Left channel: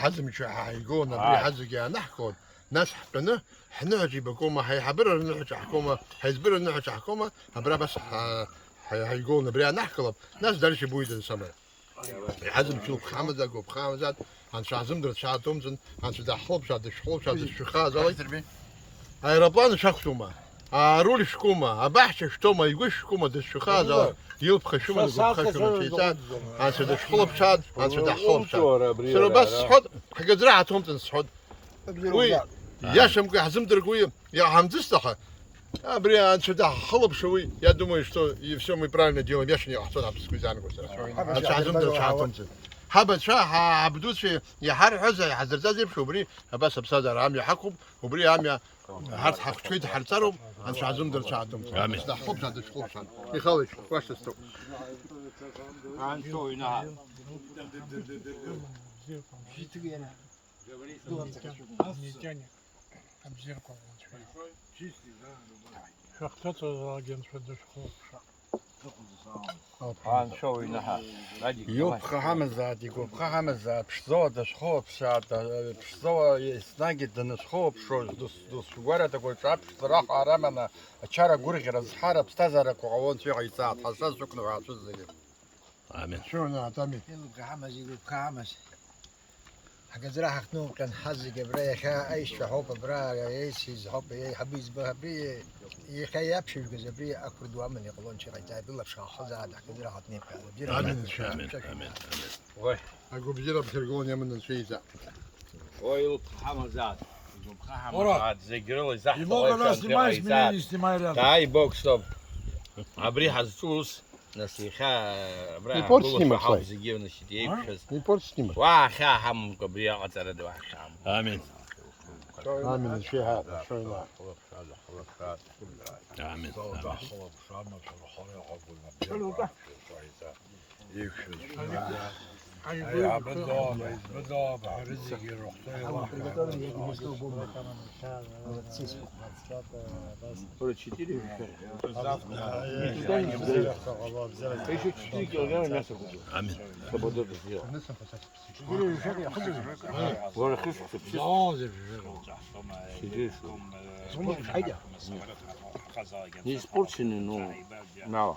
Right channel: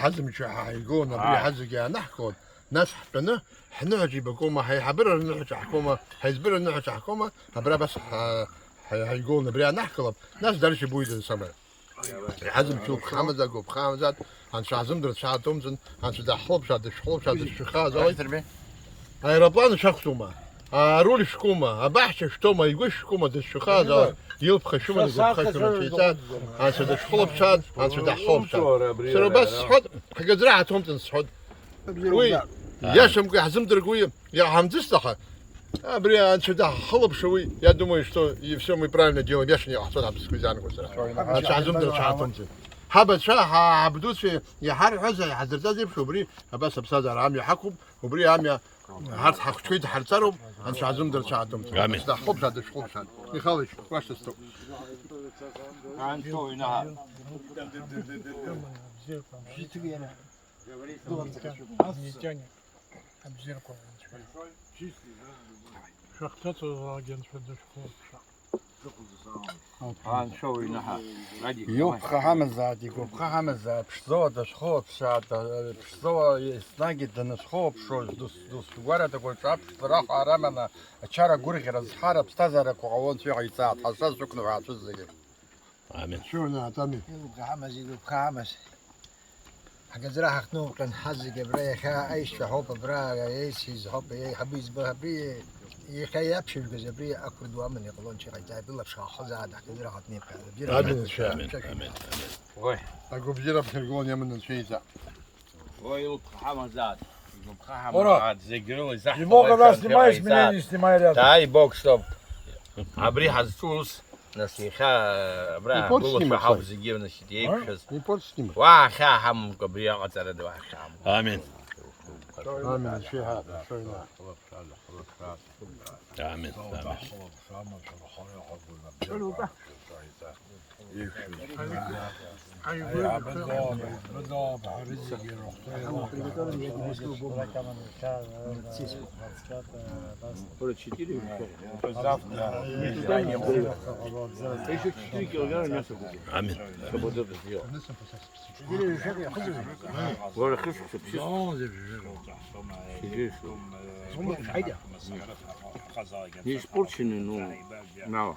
حزم شو حيقول نبري حزق يا نحكون ناس حبنا حنا نجيب حكومة حيحبر نحكي حكومة حيزبر نحكي حكومة هبرا بس حيقول نبري نحكي ناس درش بويد السماء حزم شو بخامزة جو بخامزة عن شعزم در شعر تومزن عن شدا حلب شاد شحلب شاد الشخاز هاي ربان شخصوما رولي شكوما أبحش شتوما يقول شكوما ده الشخاز يلب خشوما نقول خشوما شيطان عن شدا شحلب شاد عن شدا حلب شاد سرو بس حد حق زراعتهم تنصحد وي يا شمك حزم درقوي يا حمزستخه أبري عن شدا حلب شوي يا думаю что и все мы правильно делаем я ж не хотел обскузян كسر عن شحزم در شحتهم حبت شا حبدوس يا حر حزة يا حزر زي شو بري بس بصدر عم يحكم وبري عم يا حرت حق شوي حرتهم عن شحزم در شحتهم آمين. ده حب شاد حب شاد يخالش واش تستو عن شو ينهار عن شو ينهار يوب خامزات يقول خامزات بشزوا دشخوب شاد بشزوا سناجد دنشخوب شو دوس ورا تقول شاب صراحة رمنا أشارة قرية رزحارة بستزرق وعوان شيء عيسات حساس شكله وعشوز زي آمين. شو انا تامي يقول خامس حق زراعة خنوم كان حز جبرية خا أيش في حب برا أيش حب أي حبيز بهبري يخيب شو جزبري أكبر دوا من يقولون شيء جاي بالله بشاخ زاد حق زراعة نيم كذا آمين. آمين. آمين. وي اقول بجيرة بشرقون يمن الشيء ذا وي حمزات يقول حمزات زي جريل زحف Много снимаешь, меня не снимай рядом. تاي بوك ستوب عبري حزتوس نسيخا برا يقول بقول سيما شو حافظ يجيب نشتي بشز не портить с ним واخا حم كبريا قتل دوا خام آمين. آمين الشيء هذا آمين. آمين. يا بالضبط بالضبط رزق يروح آمين. نعم